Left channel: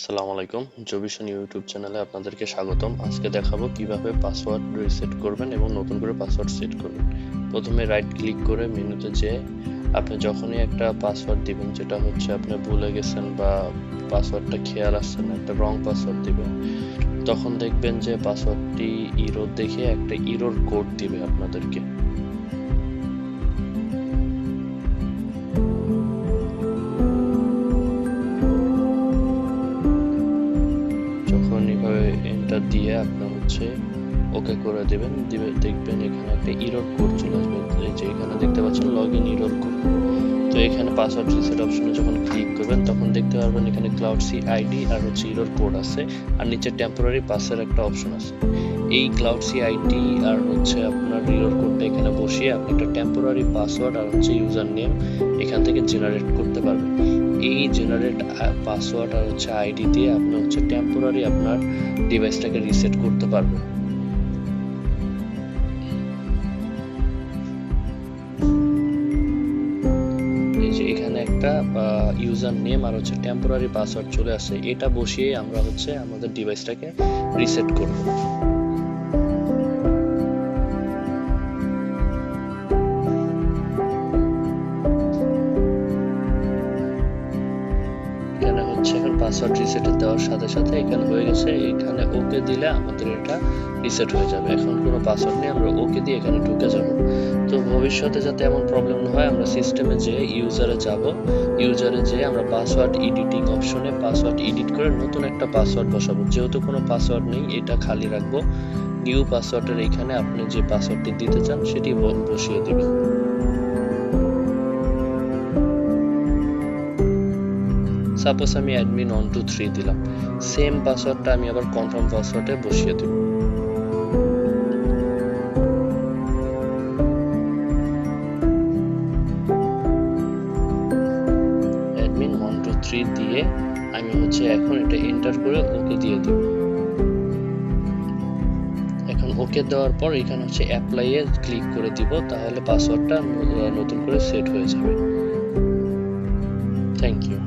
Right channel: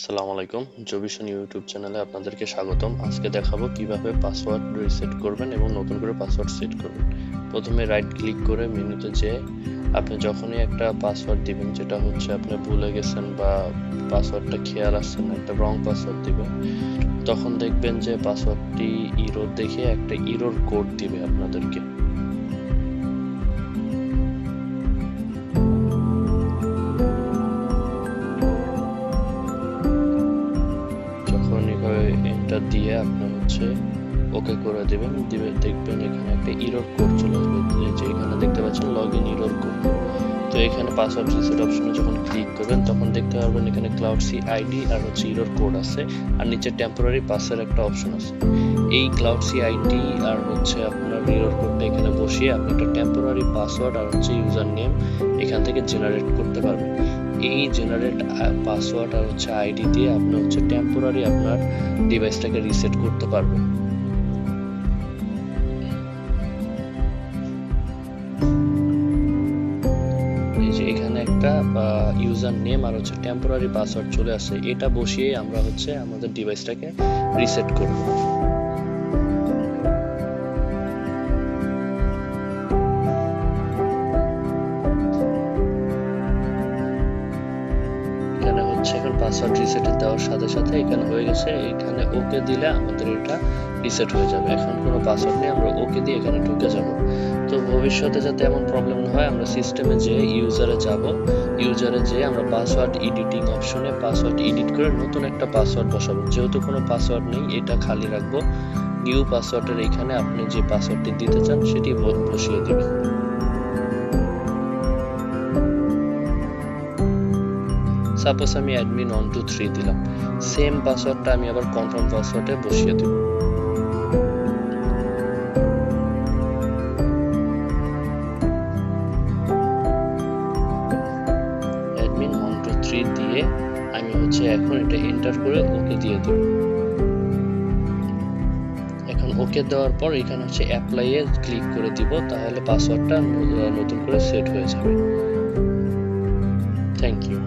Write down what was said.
আসসালামু আলাইকুম, জবিশন ইউটিউব চ্যানেলে আপনাদেরকে স্বাগতম। আজকে দেখাবো কিভাবে পাসওয়ার্ড রিসেট করবেন এবং নতুন করে পাসওয়ার্ড সেট করবেন। প্রথমে রাইট ক্লিক করে মেনুতে যেয়ে আপনি যখনই একটা পাসওয়ার্ড দিবেন, যেটা হচ্ছে আপনি ভুলে গেছেন বা পাসওয়ার্ডটা খেয়াল আসছে না, একটা রং পাসওয়ার্ড দিবেন, তখন দেখবেন যে পাসওয়ার্ডটি ইরর দেখে একটা ইরর কোড দিবে আপনাদেরকে। যখন এইভাবে এন্টার দিয়ে আপনি হচ্ছে ওকে করে দিবেন, দেখবেন এখানে একটা ইরর কোড চলে আসবে, যে এখানে দেখতে পাচ্ছেন লগইন ইরর কোড। তো এখানে পাসওয়ার্ড রিসেট অপশনে যখন ক্লিক করবেন তখন দেখতে পারবেন এখানে ক্লাউড সি আইডি আর হচ্ছে ইরর কোড আছে, আর নিচে টেম্পোরারি পাসের একটা অপশন আছে। এই ক্লাউড সি আইডি আর হচ্ছে আপনার ইরর কোডটা এখানে বসিয়ে আপনি একটা টেম্পোরারি পাসওয়ার্ড আর হচ্ছে ইউজার নেম এখান থেকে জেনারেট করতে পারবেন। এই জেনারেট পাসওয়ার্ড আর হচ্ছে আইডি দিয়ে আপনি হচ্ছে টেম্পোরারি আপনার ডিভাইসটাকে রিসেট করতে পারবেন। এই যে এখানে একটা ইউজার নেম আর হচ্ছে টেম্পোরারি পাসওয়ার্ড চলে আসে, এটা বসিয়ে আমরা হচ্ছে আমাদের ডিভাইসটাকে রিসেট করব। এখানে হচ্ছে এখন পাসওয়ার্ড রিসেট দেওয়ার সাথে সাথে এখানে হয়ে গেছে, এখানে ওকে দিলে আমাদের এটা রিসেট হয়ে যাবে। এখন কোনো পাসওয়ার্ড নেই, আমরা ওকে দিয়ে এখানে ঢুকে যাব। তো ভবিষ্যতে যাতে এমন প্রবলেম না হয়, আমরা সিস্টেমে যেয়ে ইউজারে যাব, ইউজারে যেয়ে আমরা পাসওয়ার্ড এডিটিং অপশনে পাসওয়ার্ড এডিট করে নতুন একটা পাসওয়ার্ড বসাবো। যেহেতু কোনো পাসওয়ার্ড নেই, এটা খালি রাখবো। নিউ পাসওয়ার্ডের এখানে আপনি যে পাসওয়ার্ডটি দিতে চান সেটি বসিয়ে দিবেন। সাপোজ আমি অ্যাডমিন 123 দিলাম, সেম পাসওয়ার্ডটা আমি আবার কনফার্ম পাসওয়ার্ডে বসিয়ে দেব। অ্যাডমিন 123 দিয়ে আমি হচ্ছে এখন এটা এন্টার করে ওকে দিয়ে দিব। এখন ওকে দেওয়ার পর এখানে হচ্ছে অ্যাপ্লাই এ ক্লিক করে দিব, তাহলে পাসওয়ার্ডটা নতুন করে সেট হয়ে যাবে। Thank you.